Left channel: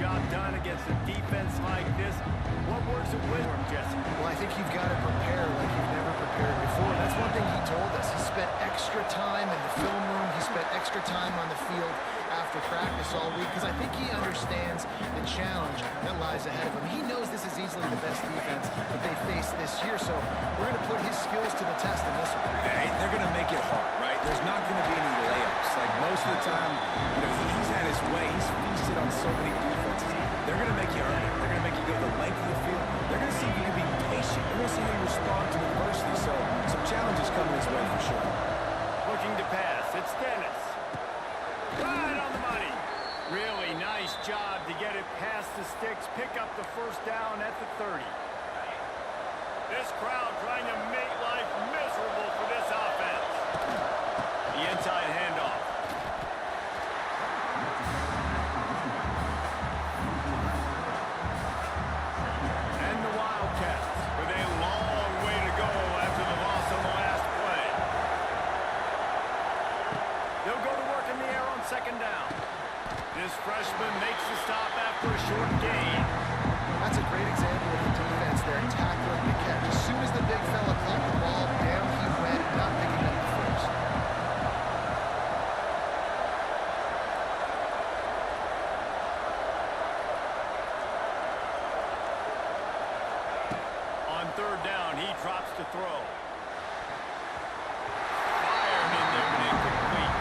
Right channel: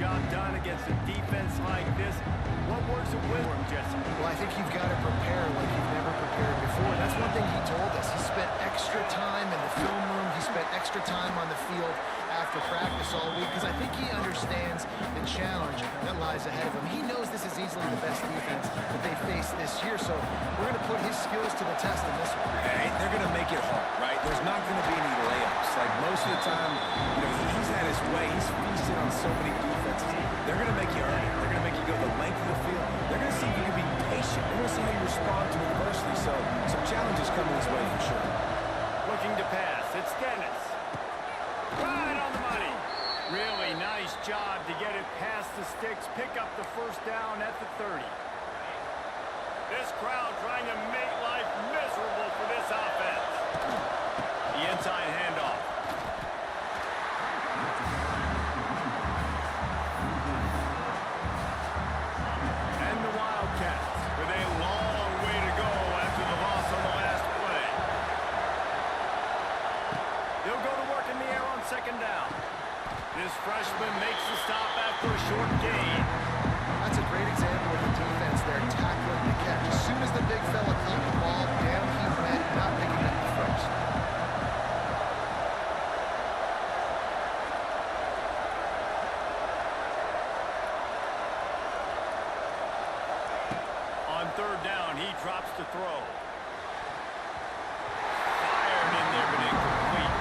job done against a defense like this. What words of wisdom, Jesse? Well, I think you've got to prepare like you've never prepared before. That's one thing he told us. He spent extra time in the film room. He spent extra time on the field after practice all week because I think he understands the challenge that lies ahead of him. He knows this is easily the best defense that they face this year, so we're going to put his skills to the test in this one. Hey, they're going to make it hard, right? There's not going to be any layups. Like most of the time, you know, he's had his way. He's feasted on so many defenses. They're going to make you earn it. They're going to make you go the length of the field. They're going to see if you can be patient. They're going to see how you respond to adversity. So some challenges coming his way for sure. Looking to pass. It's Dennis. Right on the money. Really nice job to get it past the sticks. Pick up the first down at the 30. This crowd trying to make life miserable for this offense. The inside handoff. And the Wildcats with a long way to go after the loss on the last play. They'll go to work in the air on second down. This freshman makes the stop after a short gain. That's a great example of the defense there, tackling the catch. As soon as the big fella caught the ball, down he went, not picking up the first. On third down, he drops to throw. Fired in there, but incomplete.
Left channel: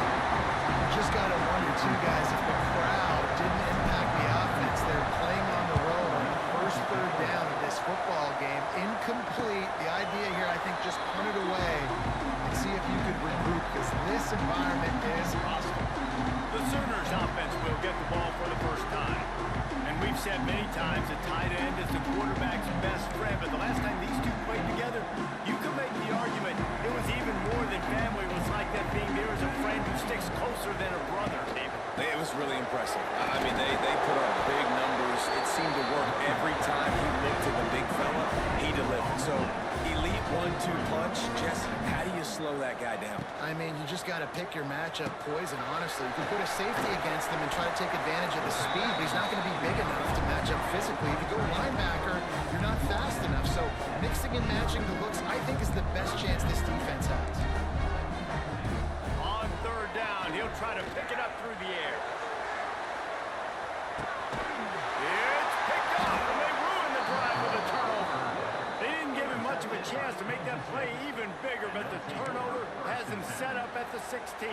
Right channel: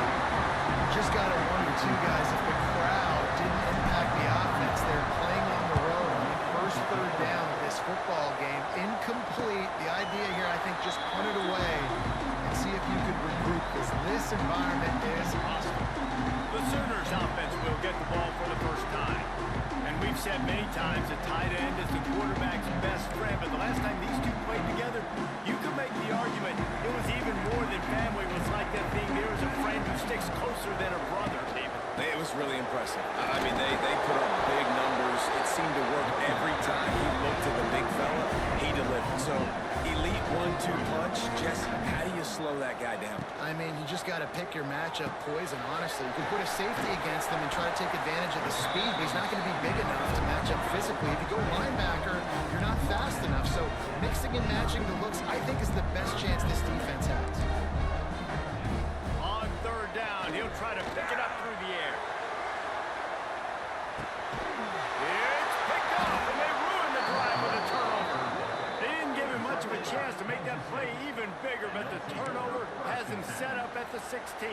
Just got to wonder, too, guys, if the crowd didn't impact the offense. They're playing on the road on the first third down of this football game. Incomplete. The idea here, I think, just punt it away and see if you could regroup, because this environment is hostile. The Sooners offense will get the ball for the first time. And we've said many times a tight end is the quarterback's best friend, but the last time these two played together, you could make the argument it was even more than family. It was like that being there as a friend who sticks closer than a brother, David. It was really impressive. I mean, they put up big numbers. It seemed to work every time he looked at the big fella. He delivered. So, elite 1-2 punch. Jesse, how do you slow that guy down? I mean, you just got to pick your matchup poison, honestly. You can put a safety against him and try to take advantage of the speed, but he's not going to be big enough to match up physically. If you go linebacker, you're not fast enough. So mixing and matching the looks, I think, is the best chance this defense has. On third down, he'll try to pick it up through the air. It's picked off, and they ruin the drive with a turnover. They didn't give him much of a chance to make that play even bigger, but the turnover has him set up at the 16.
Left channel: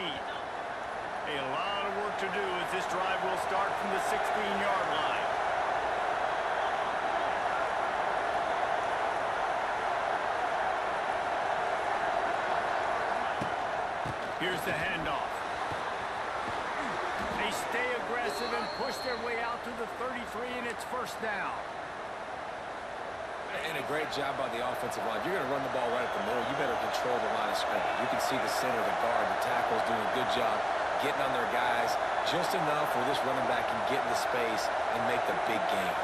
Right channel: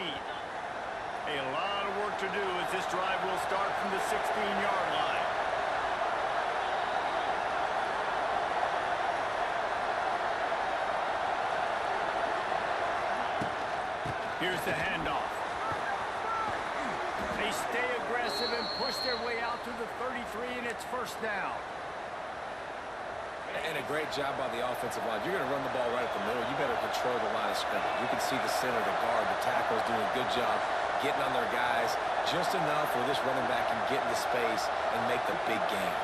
A lot of work to do as this drive will start from the 16-yard line. Here's the handoff. They stay aggressive and push their way out to the 33, and it's first down. And a great job by the offensive line. You're going to run the ball right at the middle. You better control the line of scrimmage. You can see the center, the guard, the tackles doing a good job getting on their guys just enough where this running back can get into space and make the big game.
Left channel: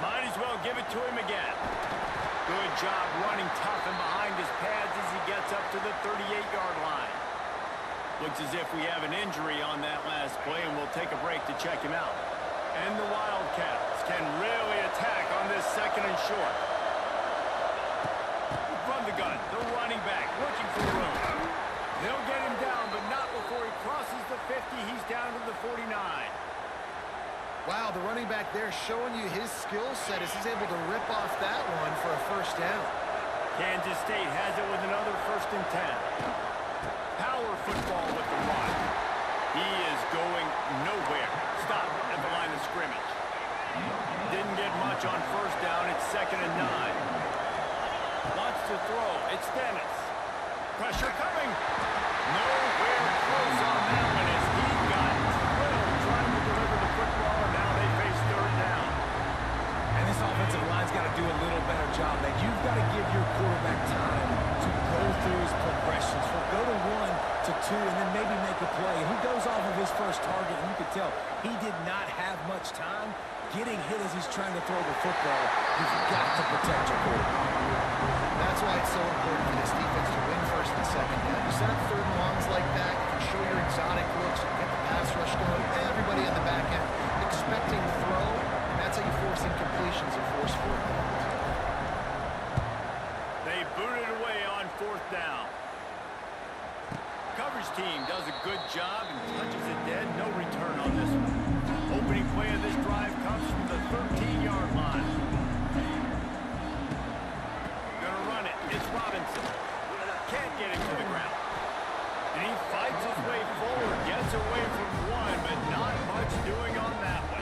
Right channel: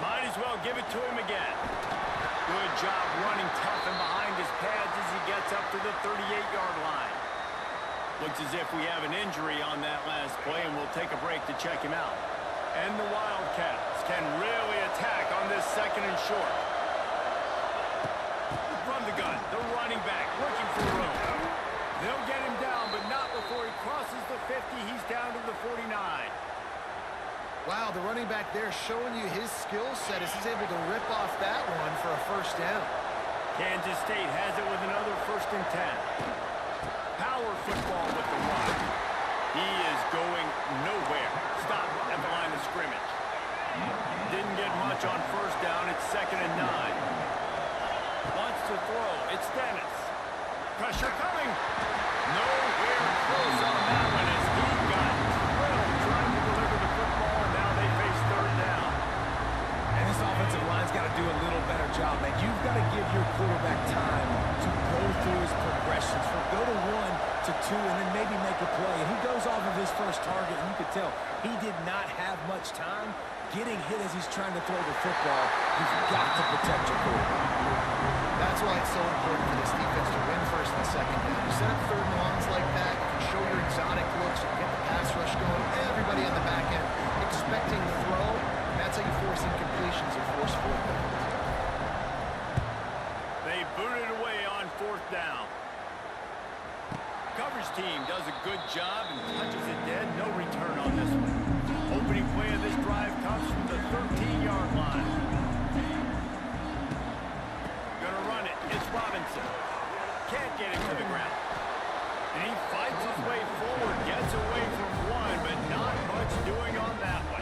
Might as well give it to him again. Good job running tough and behind his pads as he gets up to the 38-yard line. Looks as if we have an injury on that last play, and we'll take a break to check him out. And the Wildcats can really attack on this second and short. From the gun, the running back looking for room. They'll get him down, but not before he crosses the 50. He's down to the 49. Wow, the running back there showing you his skill set as he's able to rip off that one for a first down. Kansas State has it with another 1st and 10. Power football with the run. He is going nowhere. Stop at the line of scrimmage. Didn't get much on first down. It's 2nd and 9. Wants to throw. It's Dennis. Pressure coming. Nowhere close on that one as he got drilled trying to deliver the football, and now they face 3rd down. And this offensive line's got to do a little better job, man. You've got to give your quarterback time to go through his progressions. From go to 1 to 2 and then maybe make a play. And he goes off of his first target, and you could tell he did not have much time getting hit as he's trying to throw the football. You've got to protect your quarterback. That's why it's so important for this defense to win first and second down. You set up third and longs like that, you can show your exotic looks, you can get the pass rush going, everybody on the back end expecting the throw, and that's how you force incompletions and force fourth downs. They boot it away on fourth down. Coverage team does a good job and touches it dead. No return on this one. Opening play of this drive comes from the 13-yard line. Gonna run it. It's Robinson. Can't get it to the ground. And he fights his way forward, gets away from one, but not much doing on that one.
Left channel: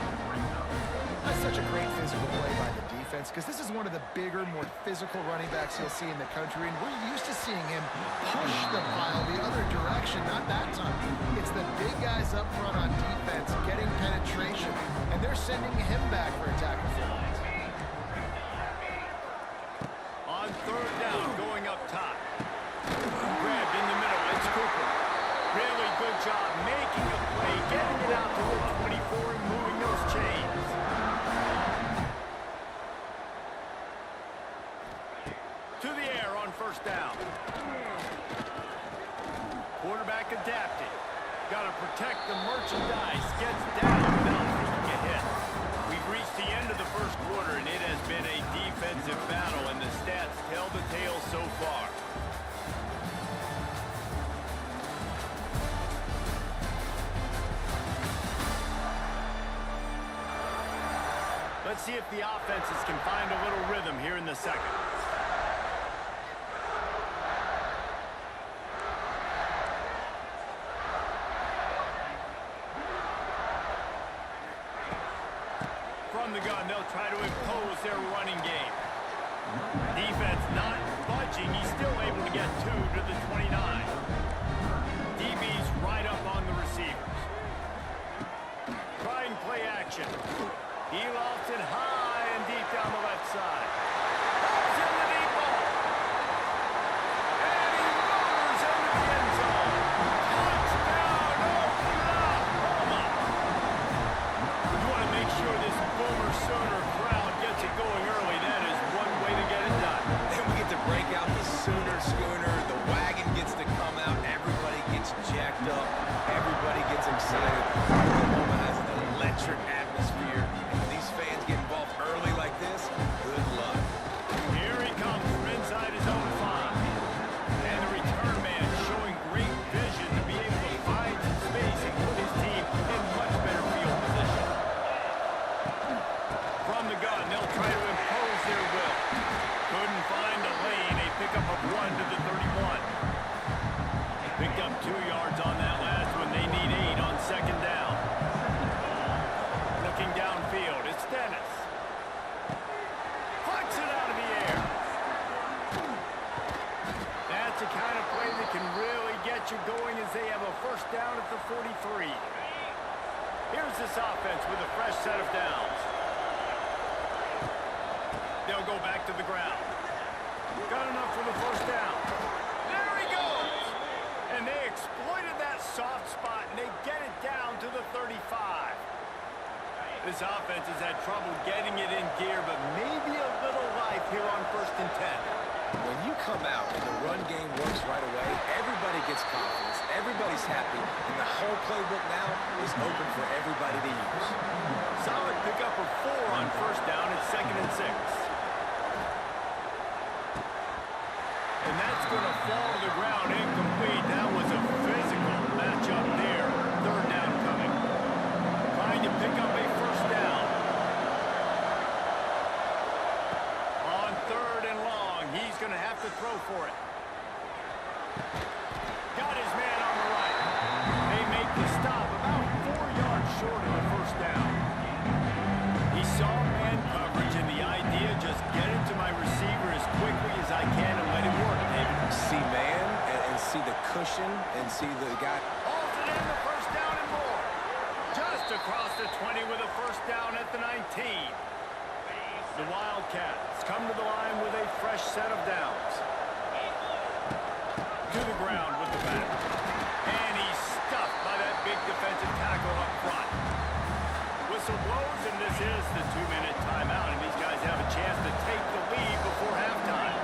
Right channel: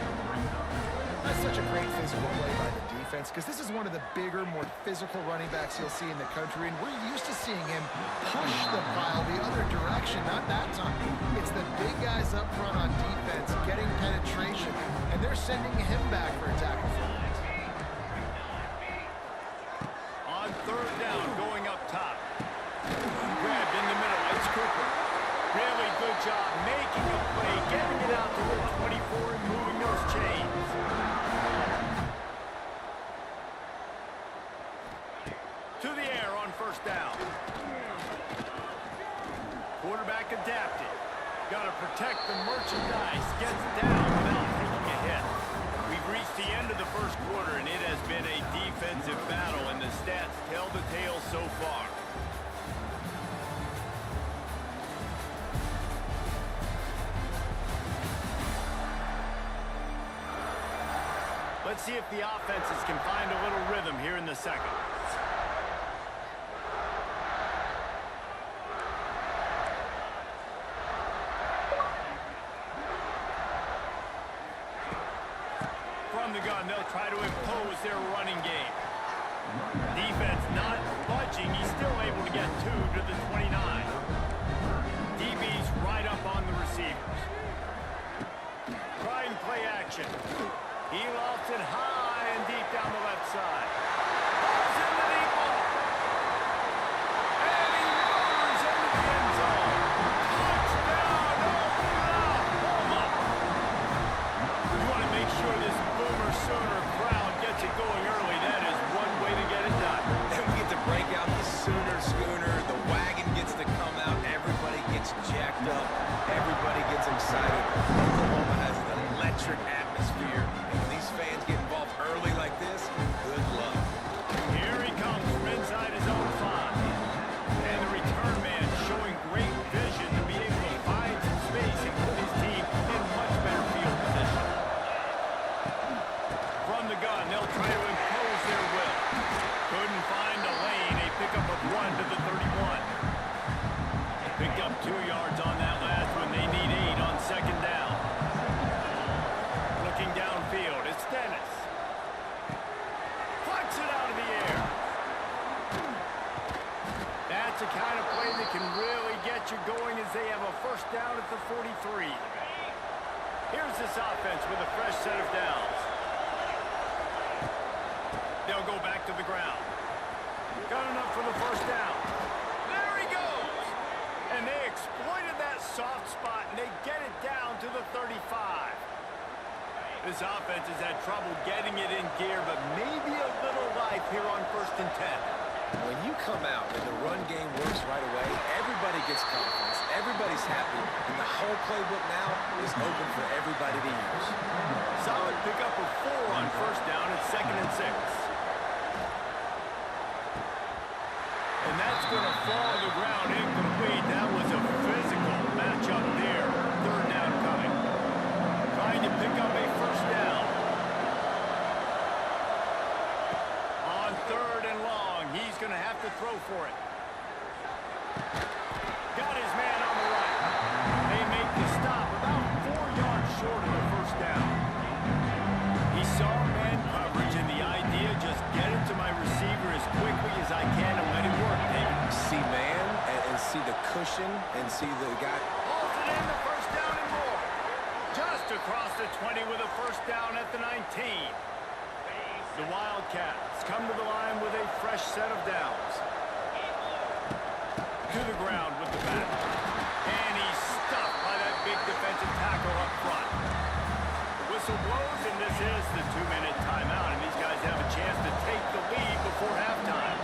That's such a great physical play by the defense because this is one of the bigger, more physical running backs you'll see in the country, and we're used to seeing him push the pile the other direction. Not that time. It's the big guys up front on defense getting penetration, and they're sending him back for a tackle for loss. On third down, going up top. Grabbed in the middle. It's Cooper. Really good job making a play, getting it out to the 24 and moving those chains. To the air on first down. Quarterback adapted. Got to protect the merchandise. Gets down without taking a hit. We've reached the end of the first quarter, and it has been a defensive battle, and the stats tell the tale so far. Let's see if the offenses can find a little rhythm here in the second. From the gun, they'll try to impose their running game. Defense not budging. He's still able to get 2 to the 29. DB's right up on the receivers. Try and play action. He lofts it high and deep down the left side. Balls in the deep ball. And he motors into the end zone. Touchdown, Oklahoma! You want to make sure this Boomer Sooner crowd gets it going early. That is one way to get it done. Then we get to break out the Sooner Schooner. The wagon gets to come out. Everybody gets jacked up. Everybody gets excited. Oklahoma has an electric atmosphere. And when these fans get involved early like this, good luck. Here he comes from inside his own 5. And the return man showing great vision to be able to find some space and put his team in much better field position. From the gun, they'll try to impose their will. Couldn't find a lane. A pickup of 1 to the 31. Picked up 2 yards on that last one. They need 8 on second down. Looking downfield, it's Dennis. Plucks it out of the air. That's the kind of play that can really get you going as they have a first down at the 43. Here's this offense with a fresh set of downs. They'll go back to the ground. Got enough for the first down. There he goes. And they exploited that soft spot, and they get it down to the 35. This offense has had trouble getting it in gear, but maybe a little life here on first and 10. When you come out and the run game works right away, everybody gets confidence, everybody's happy, and the whole playbook now is open for everybody to use. Solid pickup of 4 on first down at second and 6. And that's going to fall to the ground incomplete. That was a physical matchup there. Third down coming. Trying to pick up a first down. On third and long, he's going to have to throw for it. Got his man on the right. They make the stop about 4 yards short of the first down. He saw man coverage, and the idea just get it to my receiver as quickly as I can and let it work, David. See man and see the cushion and see the guy. Hauls it in the first down and more. Just across the 20 with a first down at the 19. The Wildcats come to the line with a fresh set of downs. To the ground with the back. And he's stuffed by that big defensive tackle up front. The whistle blows, and this is the 2-minute timeout, and these guys have a chance to take the lead before halftime.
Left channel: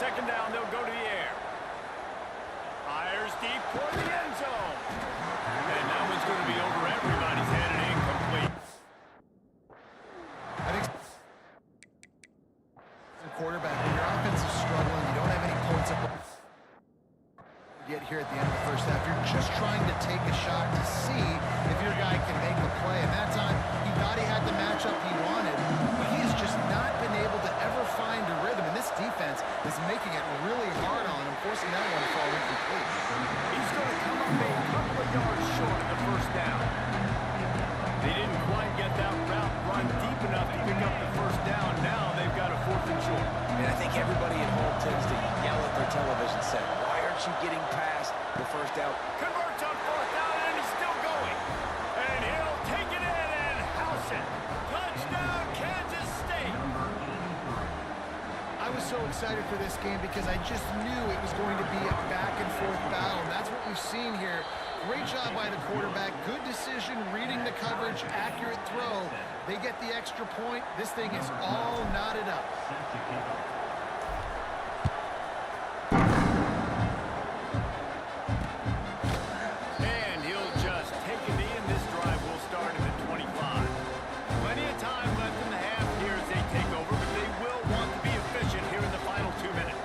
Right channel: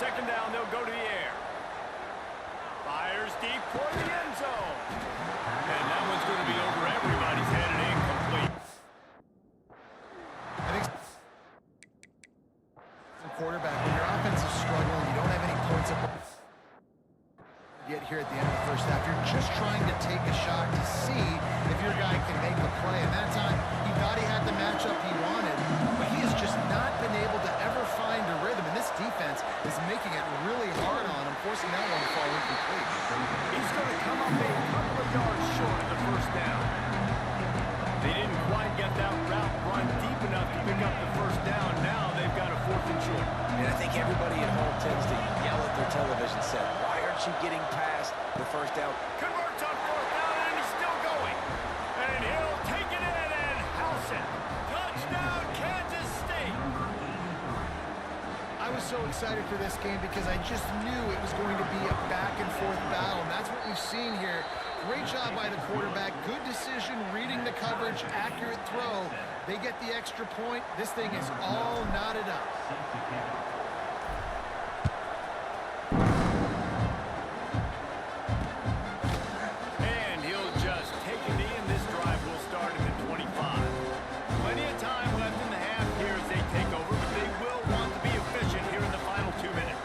Second down, they'll go to the air. Fires deep toward the end zone. And that one's going to be over everybody's head and incomplete. I think quarterback, when your offense is struggling, you don't have any points up yet here at the end of the first half. You're just trying to take a shot to see if your guy can make a play. And that time, he thought he had the matchup he wanted, but he has just not been able to ever find a rhythm. And this defense is making it really hard on him, forcing that one to fall incomplete. He's going to come up a couple of yards short of the first down. They didn't quite get that route run deep enough to pick up the first down. Now they've got a 4th and short. And I think everybody at home tends to yell at their television set, why aren't you getting past the first down? Converts on 4th down, and he's still going. And he'll take it in and house it. Touchdown, Kansas State. I was so excited for this game because I just knew it was going to be a back-and-forth battle, and that's what we've seen here. Great job by the quarterback. Good decision, reading the coverage, accurate throw. They get the extra point. This thing is all knotted up. And he'll just take a knee, and this drive will start at the 25. Plenty of time left in the half here as they take over, but they will want to be efficient here in the final 2 minutes.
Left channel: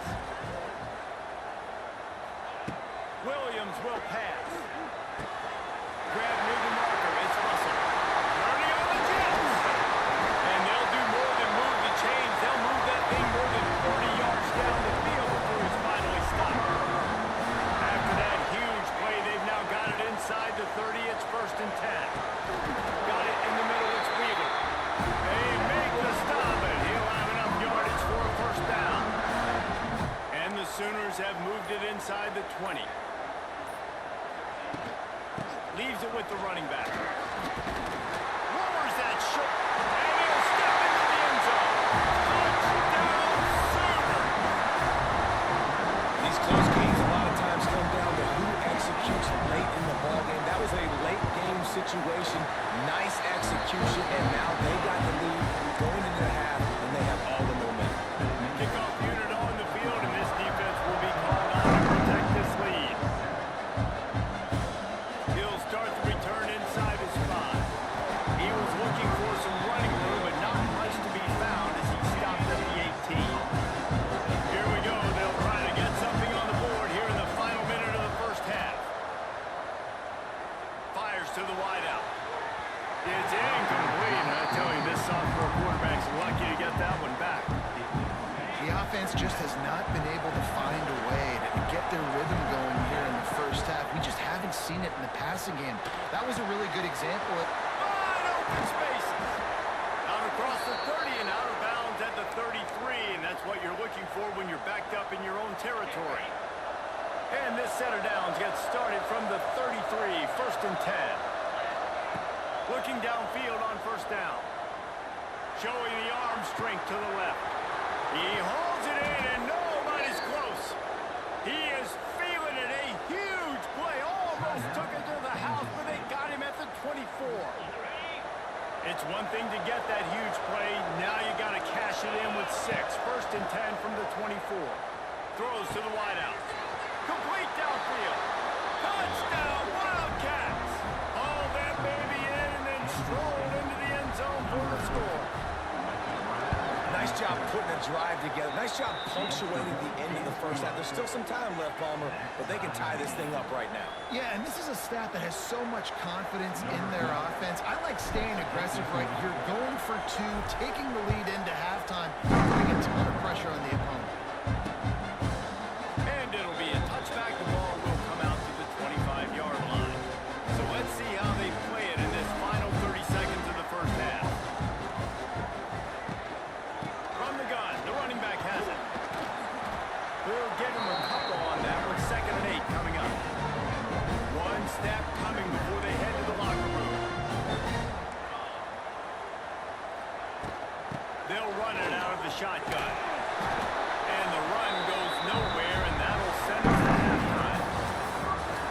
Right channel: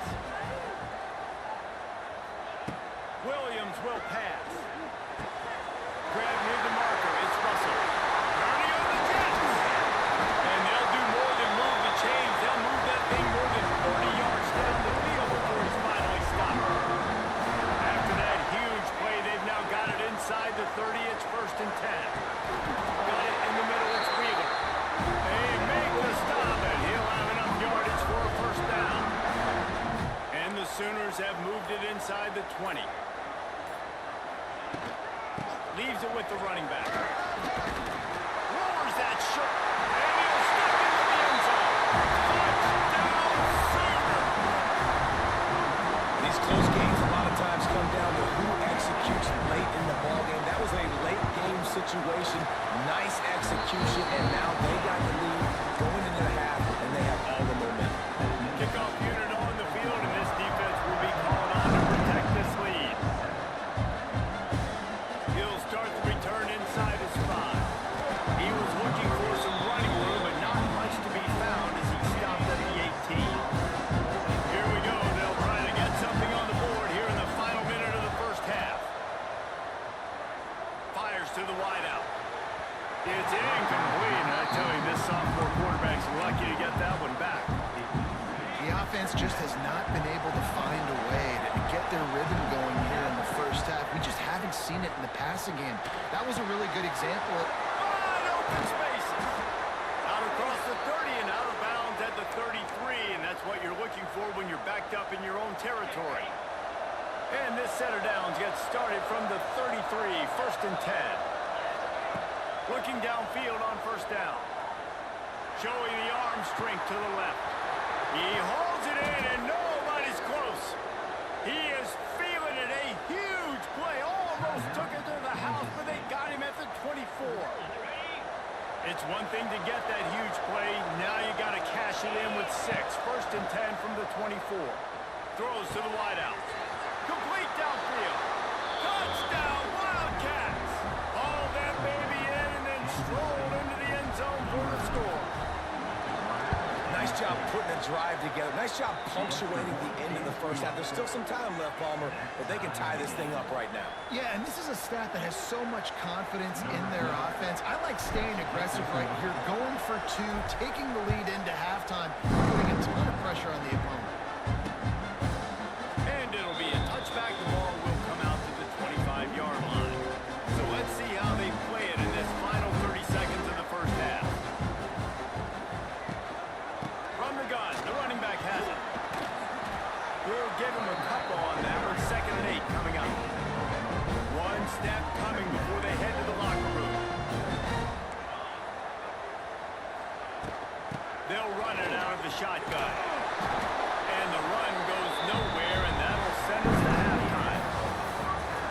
Williams will pass. Grab near the marker. It's Russell. Turning on the Jets. And they'll do more than move the chains. They'll move that thing more than 40 yards down the field before he's finally stopped. After that huge play, they've now got it inside the 30. It's 1st and 10. Got it in the middle. It's Wheeler. They make the stop, and he'll have enough yardage for a 1st down. And the Sooners have moved it inside the 20. Leaves it with the running back. Lowers that shot, and he'll step into the end zone. Touchdown, Sooner! These close games a lot of times come down to who executes late in the ballgame. That was a late game situation. Nice execution, and now they got the lead going into the half, and they have all the momentum. Kickoff unit on the field, and this defense will be called on to protect this lead. He'll start the return inside his 5. He was looking for some running room, but not much to be found as he stopped at the 18. Here we go. They'll try to get something on the board here in the final minute of the first half. Fires to the wideout. It's incomplete, and I tell you, this sophomore quarterback's lucky to get that one back. The offense just has not been able to find a way to get their rhythm going here in the first half. We just haven't seen it in the passing game. That was a really good example of Wide open spaces. Out across the 30 and out of bounds at the 33, and that's what you're looking for when you're backed up in your own territory. And this set of downs gets started from the 33, 1st and 10. Looking downfield on 1st down. Showing the arm strength to the left. He hauls it in, and nobody's close. He is feeling it. A huge play. Almost took it to the house, but they got him at the 24. It's one thing to get that huge play. Now you got to cash it in with 6. 1st and 10 from the 24. Throws to the wideout. Complete downfield. Touchdown, Wildcats. Haul that baby in and then stroll into the end zone for the score. Nice job putting a drive together. Nice job punctuating the end of the first half. There's still some time left, Palmer, but they can tie this thing up right now. Yeah, and this is a staff that has so much confidence in their offense. I like staying aggressive right here, going for 2, taking the lead into halftime, putting a ton of pressure on the opponent. And it'll be a touchback. The ball will come out to the 25-yard line. So let's see how they play it in this final 30 seconds of the first half. From the gun, the running back has it. We'll give him a couple on that one. 2nd and 8 coming up. One step coming before they head to the locker room. They'll run it out of the shotgun. And the run goes nowhere, and that'll send us to halftime.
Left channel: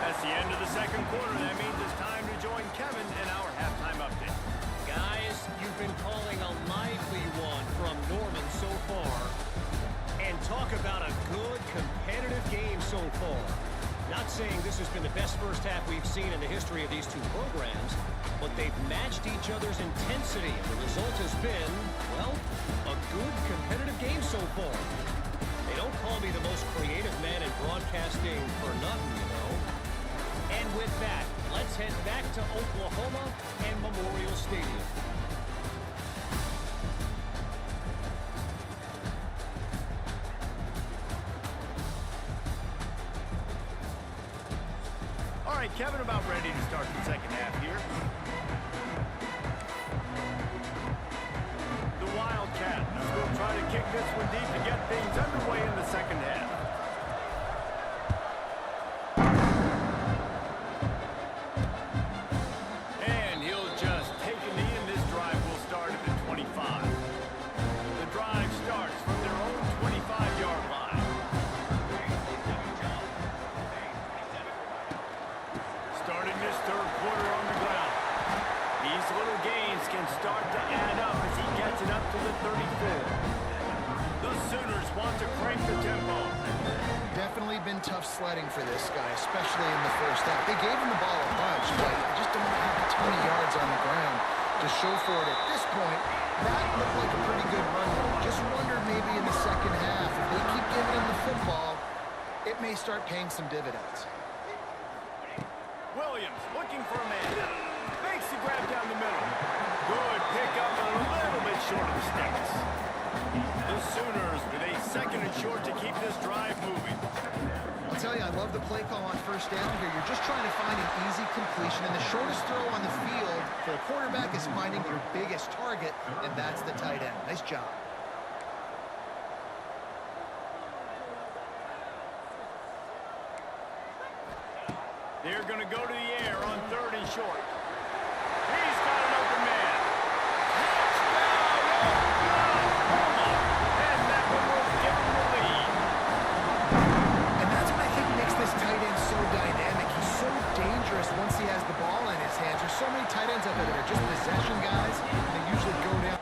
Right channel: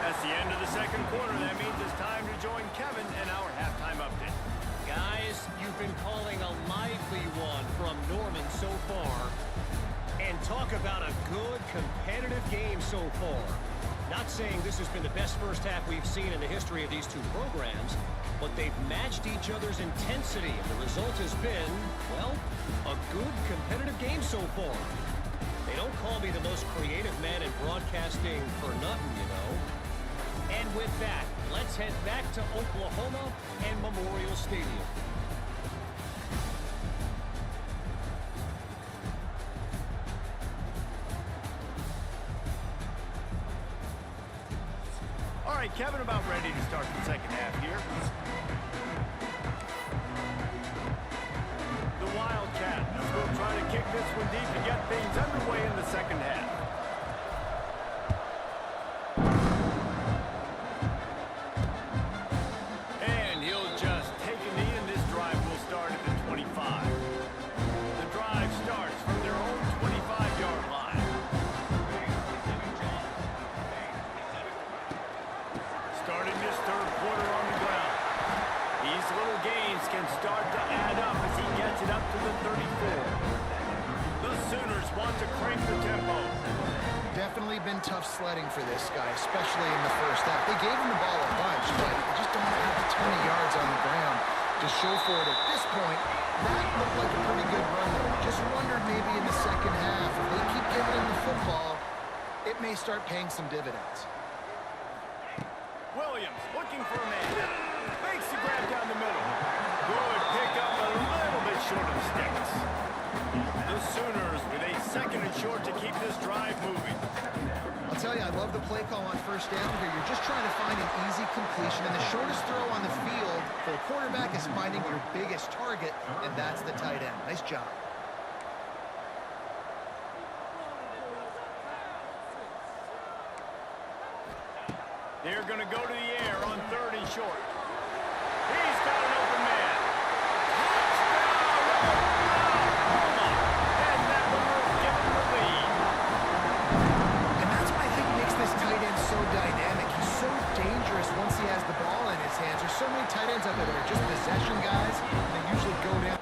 That's the end of the second quarter. That means it's time to join Kevin and our halftime update. Guys, you've been calling a lively one from Norman so far. And talk about a good, competitive game so far. Not saying this has been the best first half we've seen in the history of these two programs, but they've matched each other's intensity, and the result has been, well, a good, competitive game so far. They don't call me the most creative man in broadcasting for nothing, you know. And with that, let's head back to Oklahoma and Memorial Stadium. All right, Kevin, about ready to start the second half here. The Wildcats will try to kick this one deep to get things underway in the second half. And he'll just take a knee, and this drive will start at the 25. The drive starts from their own 25-yard line. Starting this third quarter on the ground. These little gains can start to add up as he gets it up to the 34. The Sooners want to crank the tempo. Definitely been tough sledding for this guy, especially in the first half. They gave him the ball a bunch, but they just don't have a ton of yards on the ground to show for it at this point. That looked like a pretty good run. Just wondered maybe in the second half, if they keep giving him the football, it may start paying some dividends. Williams looking for a man. Makes the grab down the middle. Good pickup, a little bit short of the sticks. The Sooners with a second and short to keep this drive moving. I'll tell you, I love the play call on first down here. You're just trying to find an easy completion, and the shortest throw on the field for the quarterback is finding your biggest target, and that's the tight end. Nice job. They're going to go to the air on third and short. He's got an open man. Touchdown, Oklahoma! And that one will give him the lead. And that's what I think makes this tight end so dynamic. He's so dangerous once he has the ball in his hands. There's so many tight ends out there that are just possession guys, and they usually go down.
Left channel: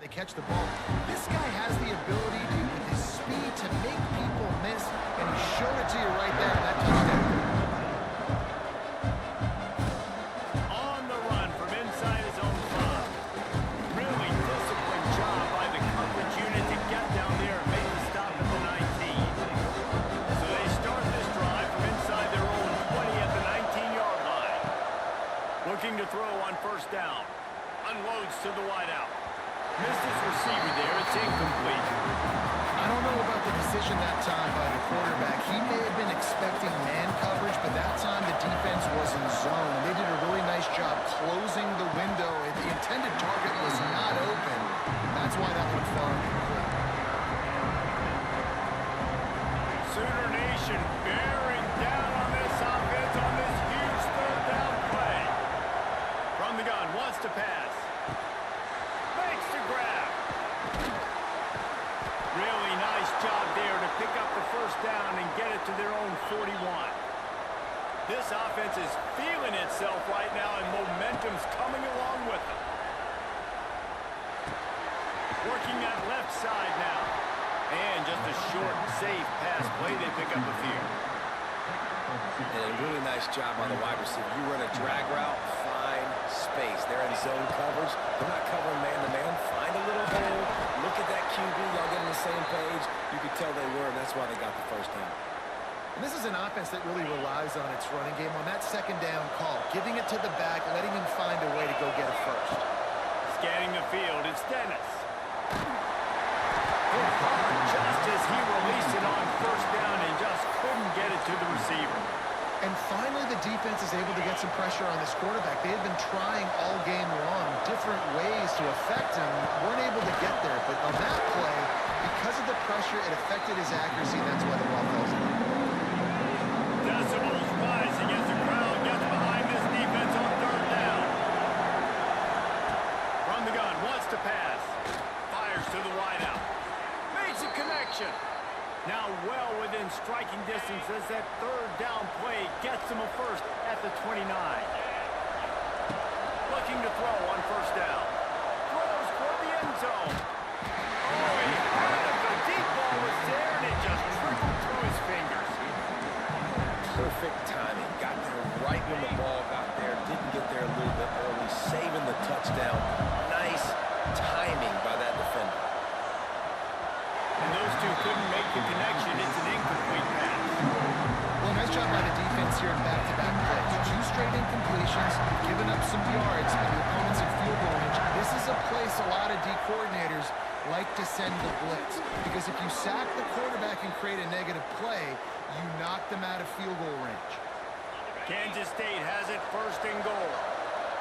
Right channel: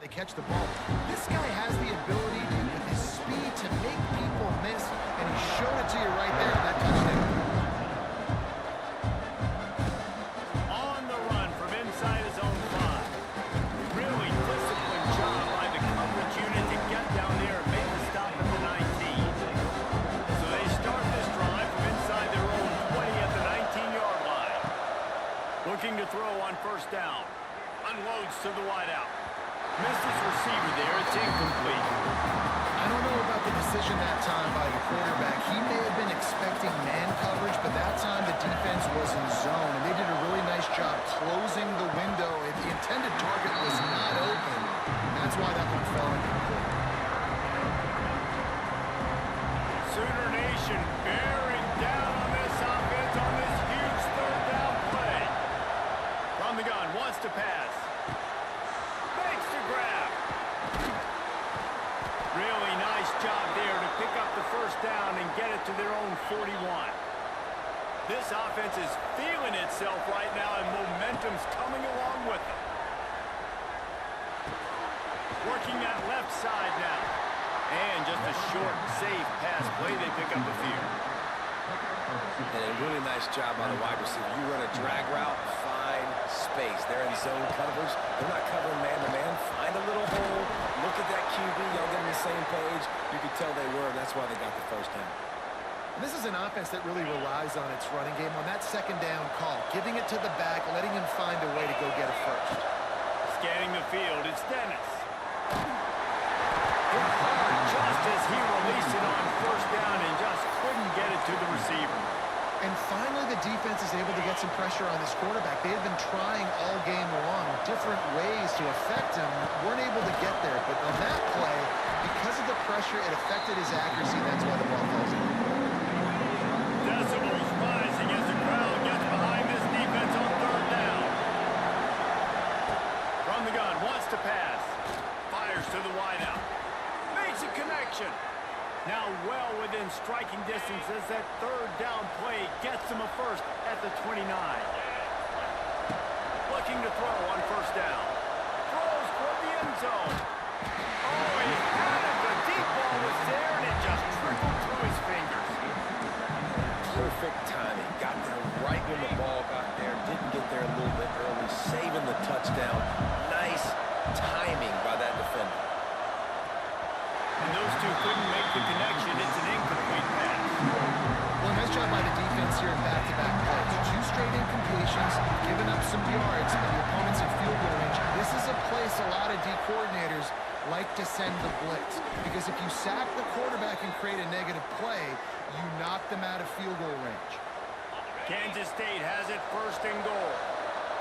They catch the ball. This guy has the ability to, with his speed, to make people miss, and he showed it to you right there in that touchdown. On the run from inside his own 5. Really disciplined job by the coverage unit to get down there and make the stop at the 19. So they start this drive from inside their own 20 at the 19-yard line. Looking to throw on first down. Unloads to the wideout. Missed his receiver there. It's incomplete. I don't know about the decision that time by the quarterback. He may have been expecting man coverage, but that time the defense was in zone, and they did a really nice job closing the window. The intended target was not open. That's why that one fell incomplete. Sooner Nation bearing down on this offense on this huge third down play. From the gun, wants to pass. Makes the grab. Really nice job there to pick up the first down and get it to their own 41. This offense is feeling itself right now, and momentum's coming along with them. Working that left side now. And just a short, safe pass play. They pick up a few. And a really nice job on the wide receiver. You run a drag route, find space. They're in zone coverage. They're not covering man-to-man. Find a little hole. Look at that QB. Y'all get on the same page. You could tell they were, and that's why they got the first down. And this is an offense that really relies on its running game on that second down call, giving it to the back, letting him find a way to go get a first. Scanning the field, it's Dennis. Hit hard just as he released it on first down and just couldn't get it to the receiver. And finally, the defense is able to get some pressure on this quarterback. They had been trying all game long different ways to affect him, weren't able to get there. But on that play, because of the pressure, it affected his accuracy, and that's why the ball falls in. Decibels rising as the crowd gets behind this defense on third down. to pass. Fires to the wideout. Makes a connection. Now well within striking distance as that third down play gets him a first at the 29. Looking to throw on first down. Throws toward the end zone. Oh, he had it. The deep ball was there, and it just trickled through his fingers. Perfect timing. Got there right when the ball got there. Didn't get there a little bit early. Saving the touchdown. Nice timing by that defender. And those two couldn't make the connection. It's an incomplete pass. Well, nice job by the defense here in back-to-back plays. 2 straight incompletions, giving up some yards, and the opponent's in field goal range. This is a place a lot of D coordinators like to send the blitz, because if you sack the quarterback and create a negative play, you knock them out of field goal range. Kansas State has it first and goal.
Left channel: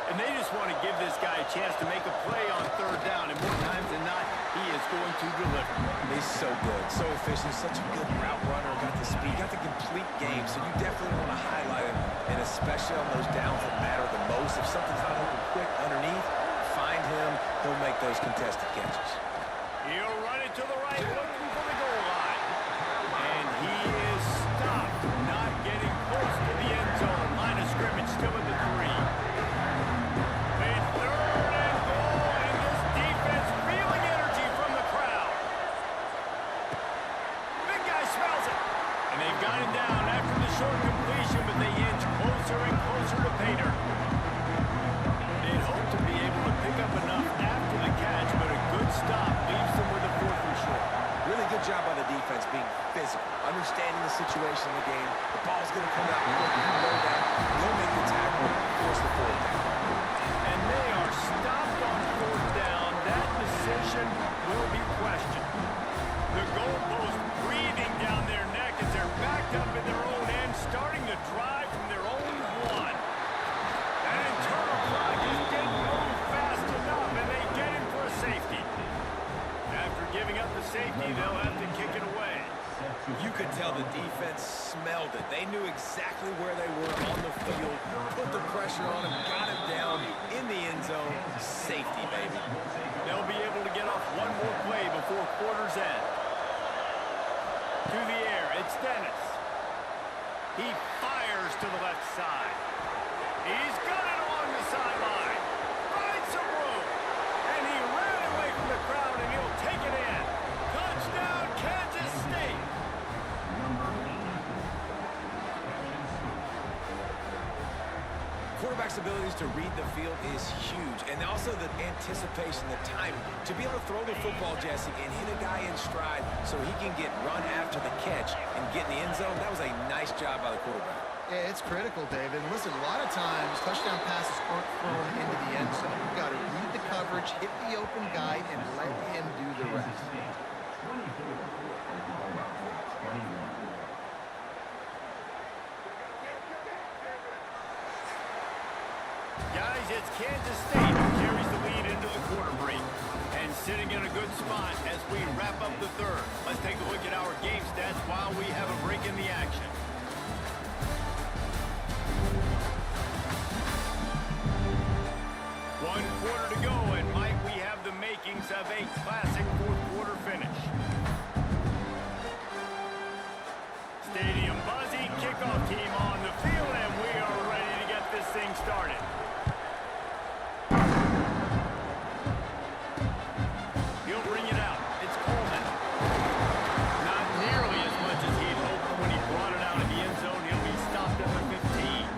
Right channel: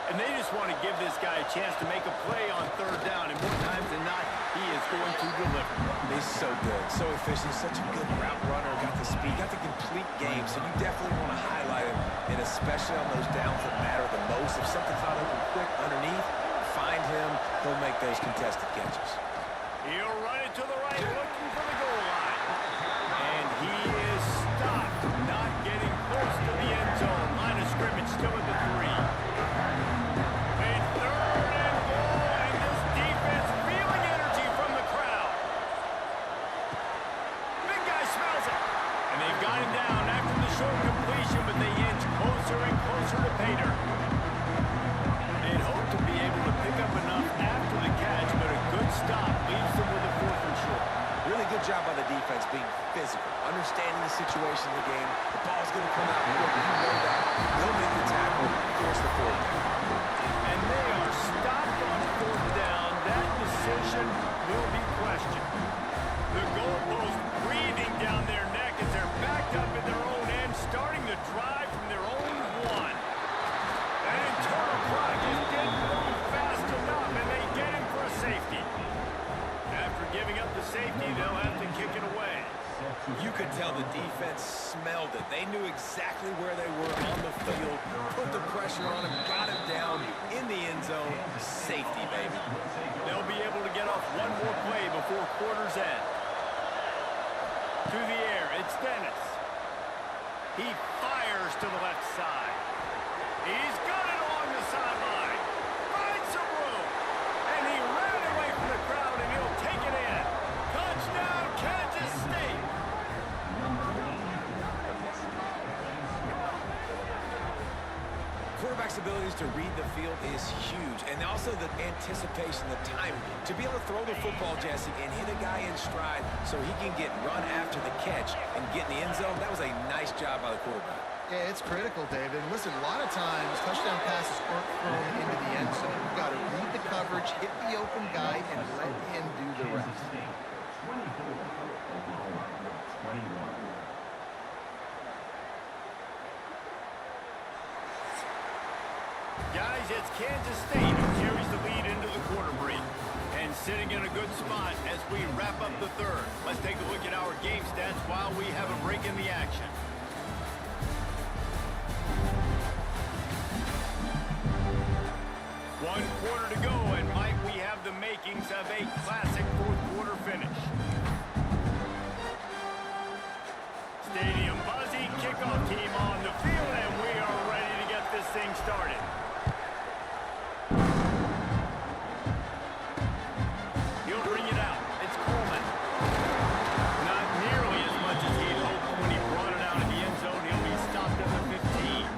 And they just want to give this guy a chance to make a play on third down, and more times than not, he is going to deliver. He's so good, so efficient, such a good route runner, got the speed, got the complete game, so you definitely want to highlight him, and especially on those downs that matter the most. If something's not open quick underneath, find him, he'll make those contested catches. He'll run it to the right, looking for the goal line. And he is stopped, not getting close to the end zone. Line of scrimmage still at the 3. They've got him down after the short completion, but they inch closer and closer to pay dirt. They'd hoped to be able to pick up enough after the catch, but a good stop leaves them with a 4th and short. Really good job by the defense being physical, understanding the situation in the game. The ball's going to come out quick. You know that. They'll make the tackle, force the 4th down. And they are stopped on 4th down. That decision will be questioned. The goalpost breathing down their neck as they're backed up in their own end, starting to drive from their own 1. That internal clock just didn't move fast enough, and they get him for a safety. After giving up the safety, they'll have to kick it away. You could tell the defense smelled it. They knew exactly where they were on the field, put the pressure on him, got him down in the end zone. Safety, baby. They'll be able to get off one more play before quarter's end. To the air, it's Dennis. He fires to the left side. He's got it along the sideline. Finds some room. And he ran away from the crowd, and he'll take it in. Touchdown, Kansas State. Quarterback's abilities to read the field is huge, and also the anticipation, the timing. To be able to throw the football, Jesse, and hit a guy in stride so he can get run after the catch and get in the end zone, that was a nice job by the quarterback. Yeah, it's critical, David. And listen, a lot of times, touchdown passes aren't thrown into the end zone. You've got to read the coverage, hit the open guy, and let him do the rest. Guys, it's Kansas State who carries the lead into the quarter break. And sitting in a good spot as we wrap up the third. Let's take a look at our game stats while we have a break in the action. One quarter to go, and Mike, we have the makings of a classic fourth quarter finish. Stadium buzzy, kickoff team on the field, and we are ready to get this thing started. He'll bring it out. It's Coleman. Not nearly as much as he'd hoped when he brought it out in the end zone. He'll be stopped at the 15.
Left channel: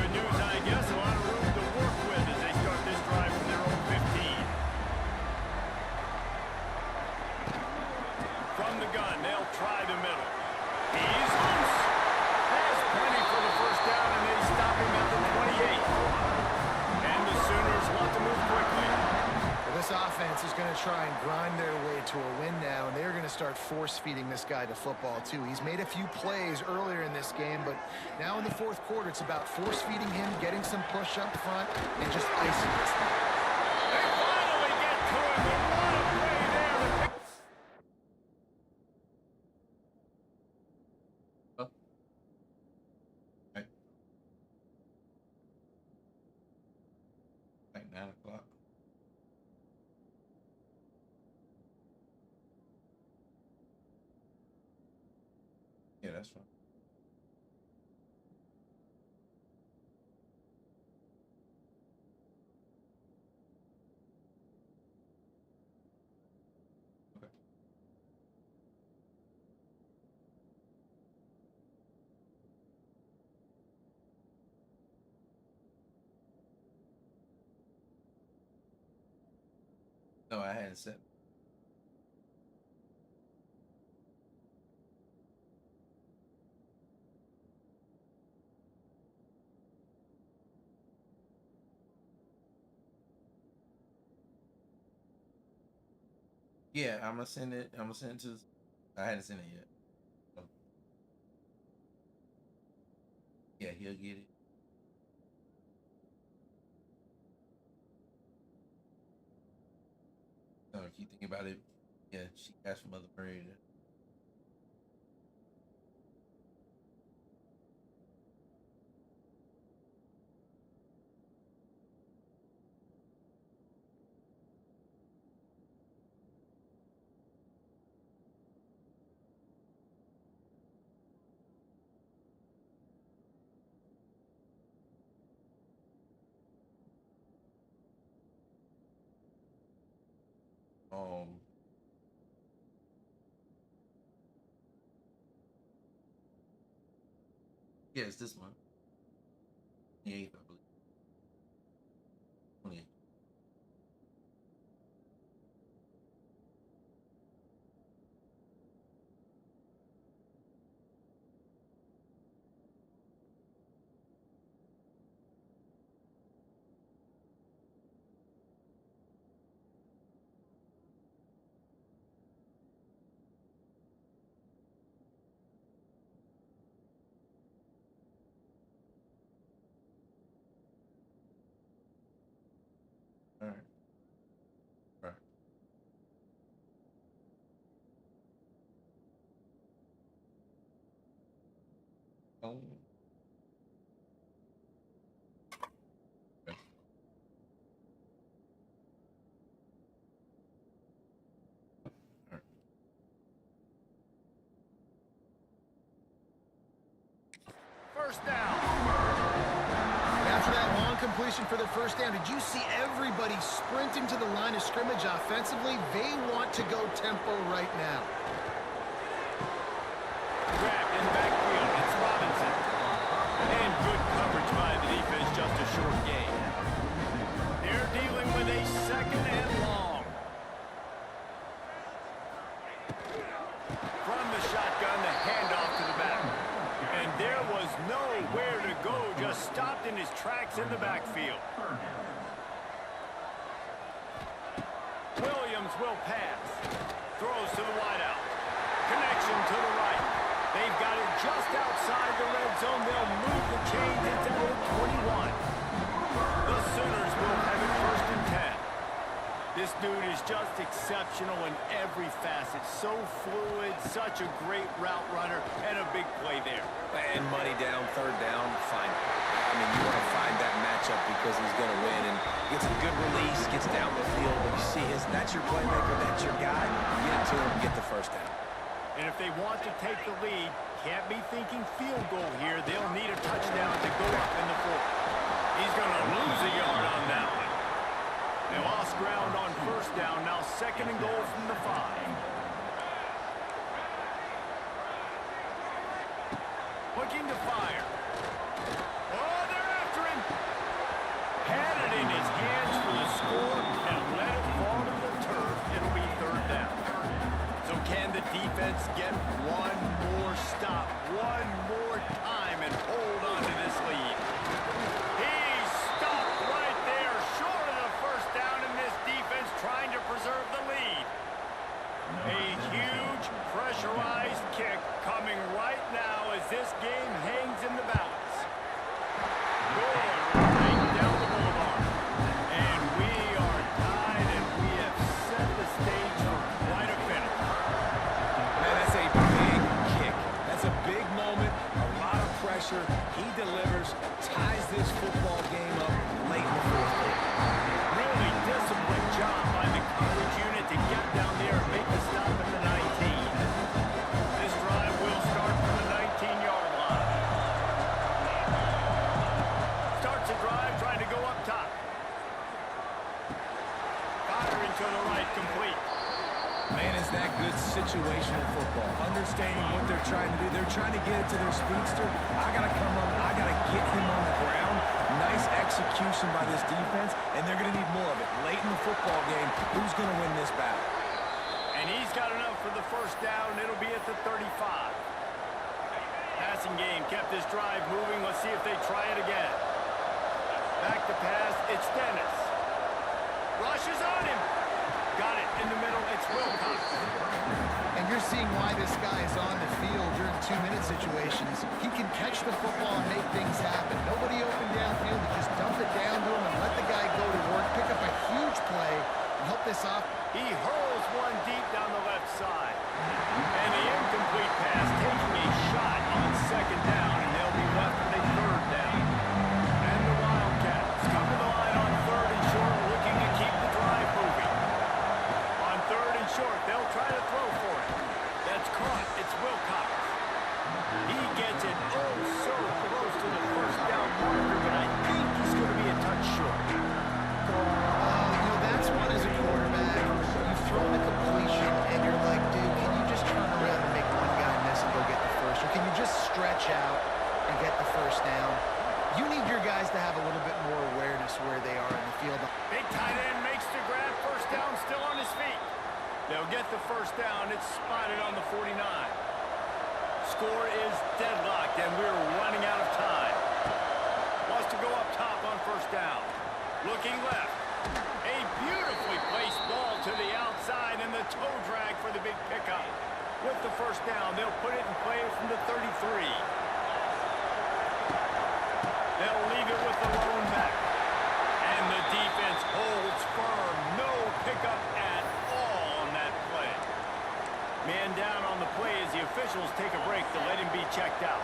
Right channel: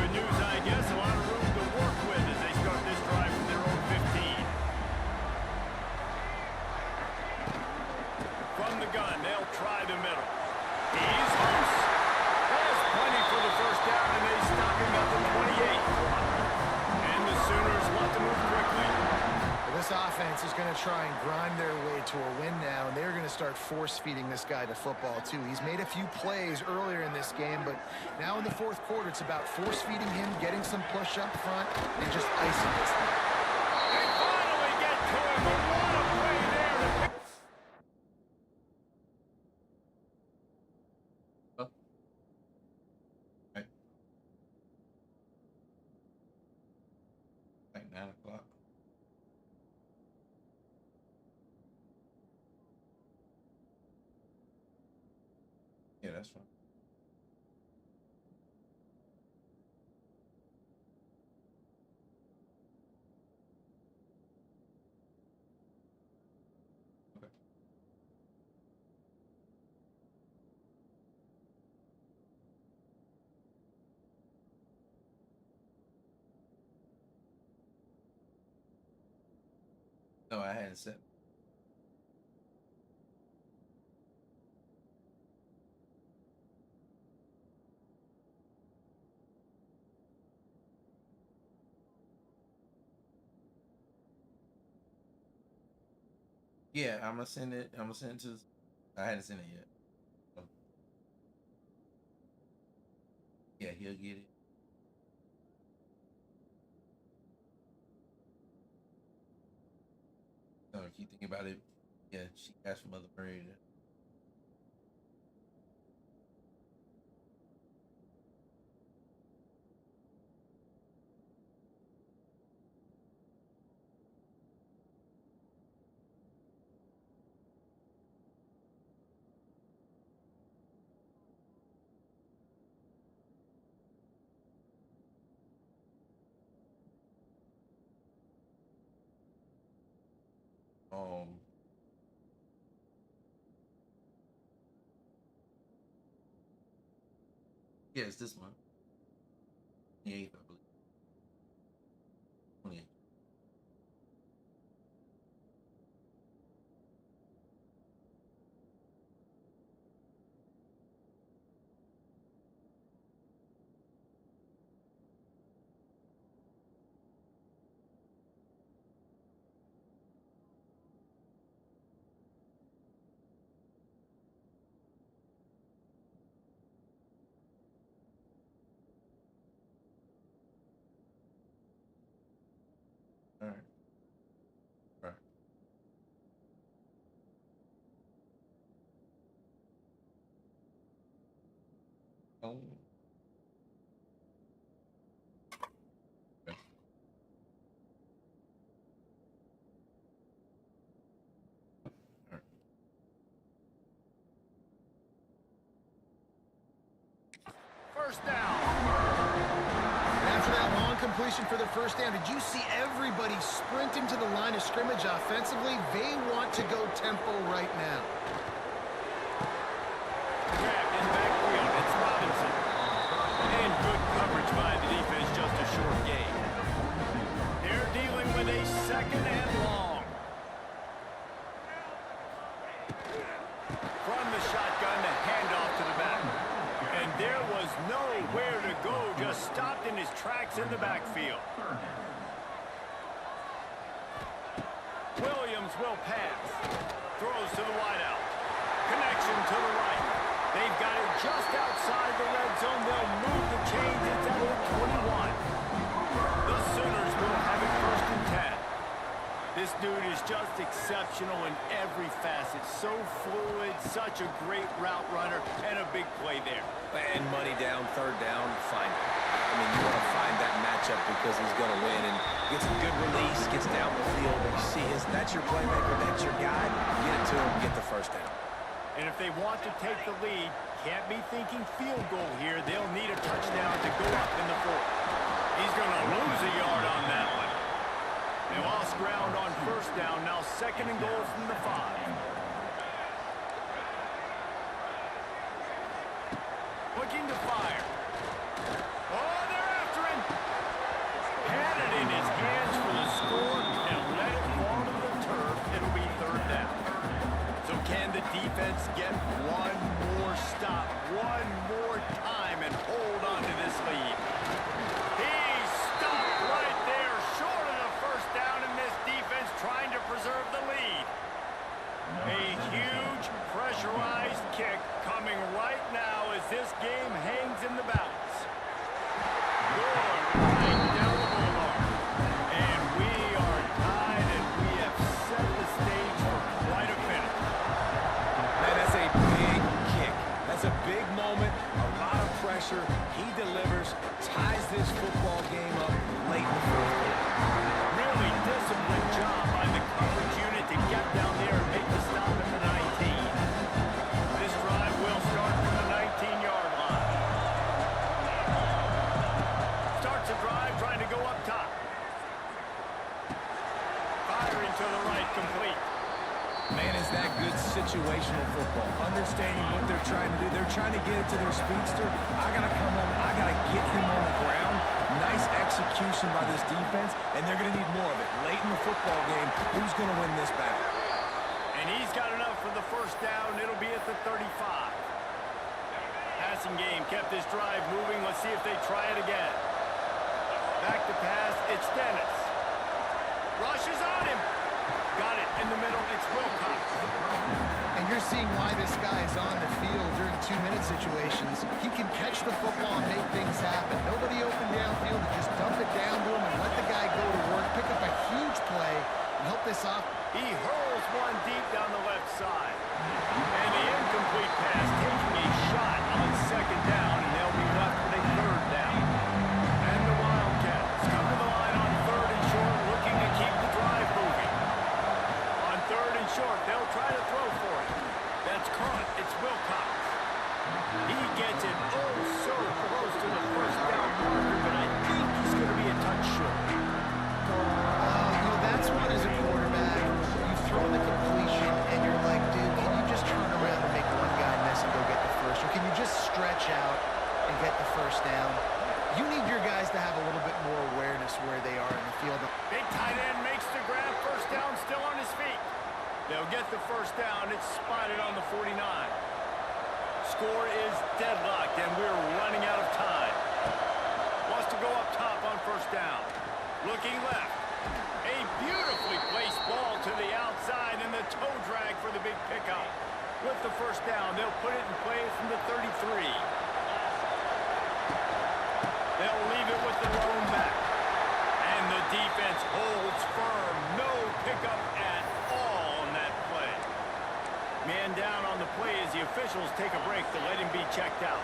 Good news, I guess. A lot of room to work with as they start this drive from their own 15. From the gun, they'll try the middle. He's loose. Has plenty for the first down, and they stop him at the 28. And the Sooners want to move quickly. Well, this offense is going to try and grind their way to a win now, and they're going to start force-feeding this guy the football, too. He's made a few plays earlier in this game, but now in the fourth quarter, it's about force-feeding him, getting some push up front, and just icing this thing. They finally get to him, but what a play there to pick. Like 9 o'clock. Yeah, that's fine. Okay. No, I hadn't sent. Yeah, I'm gonna send it. I'm gonna send it to. I hadn't sent it yet. So, yeah, he'll get it. If you think about it, yeah, she asked for Mother Murray to. Um, yeah, it's this month. 28th, I believe. 28th. All right. All right. Oh. Okay. All right. First down. And after that long completion for the first down, did you see everybody sprinting to the line of scrimmage offensively? They want to go tempo right now. Grabbed in the backfield. It's Robinson. And good coverage by the defense, just a short gain. They're dealing with a second and long. From the shotgun, the handoff to the back. And there was nowhere to go, just stopped in his tracks in the backfield. Williams will pass. Throws to the wideout. Connection to the right. They've got it just outside the red zone. They'll move the chains. It's at the 21. The Sooners will have it first and 10. This dude is just exceptional in every facet. So fluid, such a great route runner, and a big play there. And money down, third down, fine. I mean, you want to find that matchup because he's going to win and gets a good release, gets down the field. And you see that's your playmaker, that's your guy. Get it to him, get the first down. And if they want to take the lead, can't be thinking field goal here. They'll need a touchdown to go up in the fourth. He's going to lose a yard on that one. They lost ground on first down. Now second and goal from the 5. Looking to fire. Oh, they're after him. Had it in his hands for the score and let it fall to the turf. It'll be third down. So can the defense get one more stop, one more time, and hold on to this lead? He stopped right there, short of the first down, in this defense trying to preserve the lead. A huge pressurized kick coming right now as this game hangs in the balance. Good right down the boulevard. And we are tied, and we have set the stage for quite a finish. Man, that's a big kick. That's a big moment, a lot of pressure. He delivers, ties this football game up late in the fourth quarter. Really disciplined job by the coverage unit to get down there and make the stop at the 19. This drive will start from the starts a drive trying to go up top. Firing to the right, complete. Man, is that good situational football. Understanding what they're trying to do. They're trying to get it to their speedster. I got to come on. I got to get him on the ground. Nice execution by this defense, and they're going to need more of it. Late in the football game, who's going to win this battle? And he's got enough for the first down. It'll be at the 35. Passing game kept this drive moving. Let's see if they try it again. Back to pass. It's Dennis. Rushes on him. Got it in the middle. It's Wilcox. And you're seeing why this guy is on the field during 2-minute situations. He can catch the football and make things happen. Nobody open downfield. You just dump it down to him and let the guy go to work, pick up a huge play, and help this off. He hurls one deep down the left side. And the incomplete pass taking a shot on second down, and they'll be left with a third down. And the Wildcats come to the line on third and short, looking to keep the drive moving. On third and short, they'll try to throw for it. That's caught. It's Wilcox. He gets it oh so close to the first down marker, but I think he's going to be a touch short. That's one as a quarterback. You've thrown the completion, and you're like, dude, can you just turn around and make one guy miss and go get the first? Or can you just stretch out and get the first down? You need your guys to have a little bit more awareness where they are in the field. Big tight end makes the grab. First down, still on his feet. They'll get the first down. It's spotted on the 49. Score is deadlocked, and we're running out of time. Wants to go up top on first down. Looking left. A beautifully placed ball to the outside, and the toe drag for the big pickup. With the first down, they'll put it in play from the 33. They'll leave it with the lone back. And the defense holds firm. No pickup at all on that play. Man down on the play as the officials take a break to let him be checked out.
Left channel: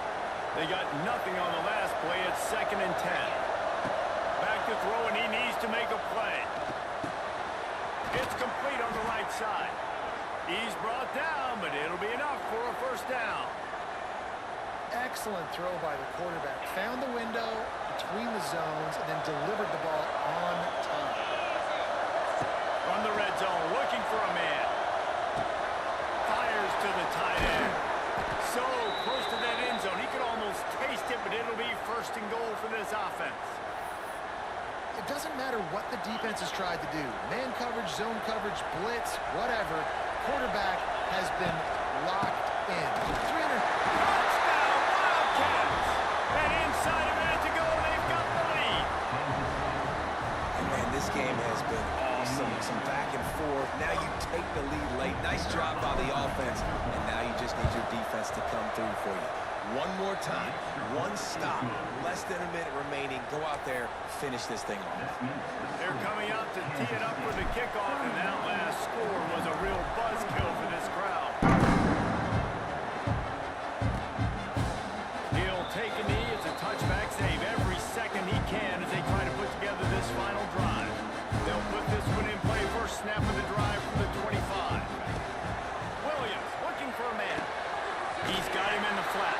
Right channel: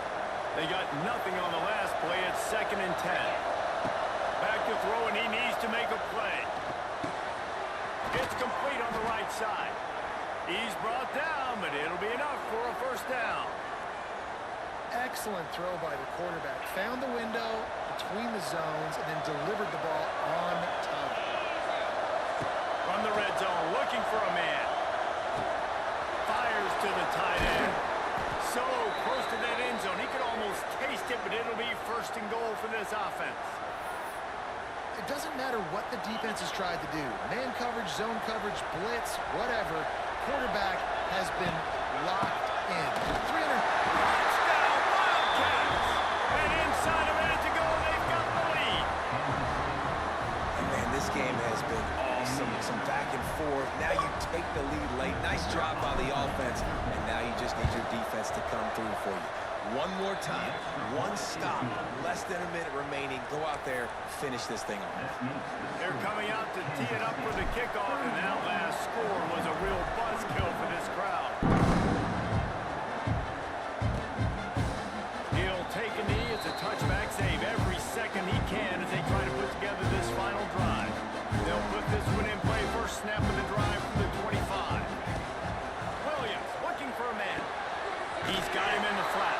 They got nothing on the last play. It's 2nd and 10. Back to throw, and he needs to make a play. It's complete on the right side. He's brought down, but it'll be enough for a first down. Excellent throw by the quarterback. Found the window between the zones and then delivered the ball on time. From the red zone, looking for a man. Fires to the tight end. So close to that end zone. He could almost taste it, but it'll be 1st and goal for this offense. It doesn't matter what the defense has tried to do. Man coverage, zone coverage, blitz, whatever. Quarterback has been locked in. 300. Touchdown, Wildcats! And inside a minute to go, they've got the lead. And man, this game has been awesome. Some back and forth. Now you take the lead late. Nice job by the offense. And now you just need your defense to come through for you. One more time. One stop. Less than a minute remaining. Go out there, finish this thing off. They're coming out to tee it up for the kickoff, and that last score was a real buzzkill for this crowd. He'll take a knee. It's a touchback save every second he can as they try to put together this final drive. They'll put this one in play. First snap of the drive from the 25. Williams looking for a man. He's got him in the flat.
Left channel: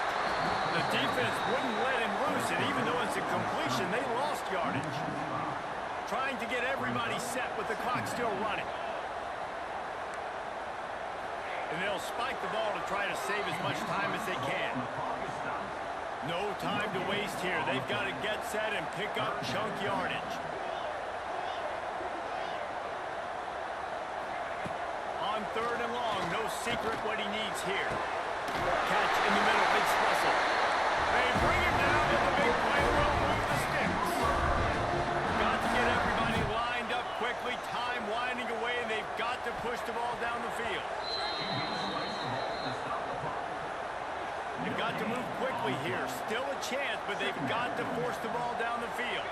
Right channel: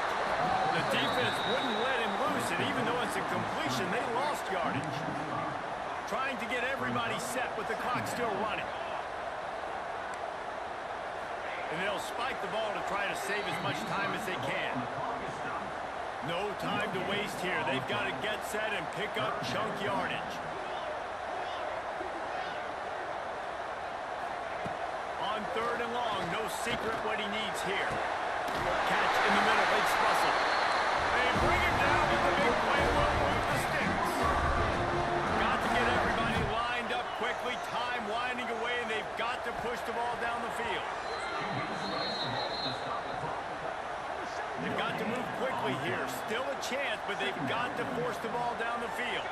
The defense wouldn't let him loose, and even though it's a completion, they lost yardage. Trying to get everybody set with the clock still running. And they'll spike the ball to try to save as much time as they can. No time to waste here. They've got to get set and pick up chunk yardage. On 3rd and long, no secret what he needs here. Catch in the middle, it's Russell. They bring him down with the big play. Will move the sticks. Got to get everybody lined up quickly. Time winding away, and they've got to push the ball down the field. They've got to move quickly here. Still a chance, but they've got to force the ball down the field.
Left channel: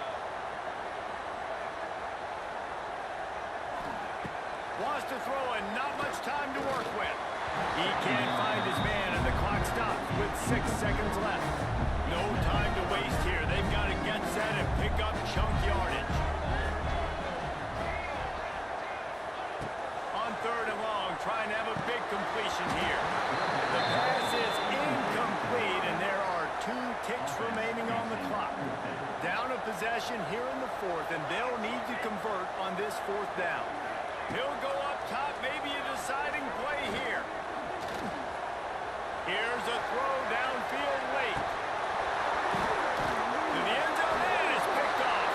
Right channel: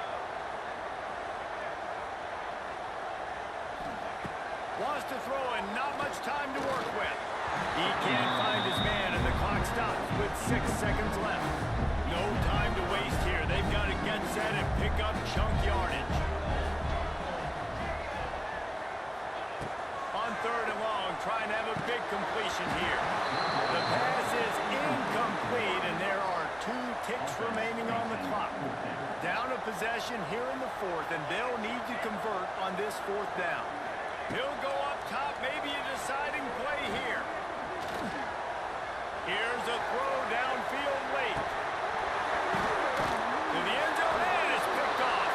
Wants to throw, and not much time to work with. He can't find his man, and the clock stops with 6 seconds left. No time to waste here. They've got to get set and pick up chunk yardage. On 3rd and long, trying to have a big completion here. The pass is incomplete, and there are 2 ticks remaining on the clock. Down of possession here in the fourth, and they'll need to convert on this fourth down. He'll go up top, maybe a deciding play here. Here's a throw downfield late. To the end zone, and it's picked off.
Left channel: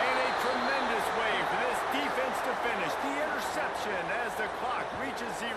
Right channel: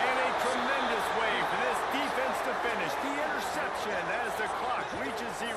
And a tremendous way for this defense to finish. The interception as the clock reaches 0.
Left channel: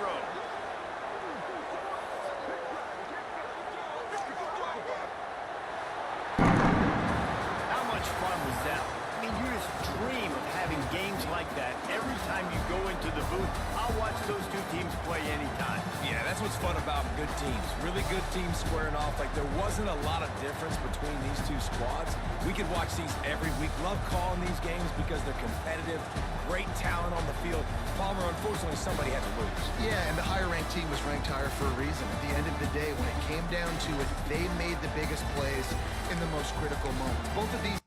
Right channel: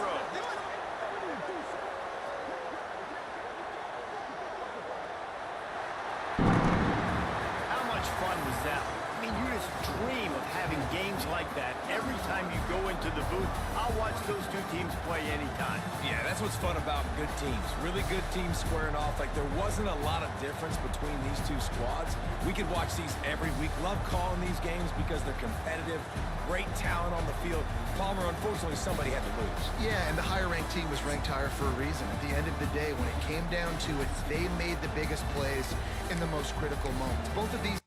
How much fun was that? I mean, you just dream of having games like that every time you go into the booth. I'll watch those two teams play anytime. Yeah, that's what's fun about good teams. Really good teams squaring off. Like, there wasn't a lot of difference between these two squads. We could watch these every week. Love calling these games because they're competitive. Great talent on the field. Palmer, unfortunately, somebody had to lose. Yeah, and the higher-ranked team was ranked higher for a reason. At the end of the day, when it came down to it, they made the biggest plays in the most critical moments. Both of these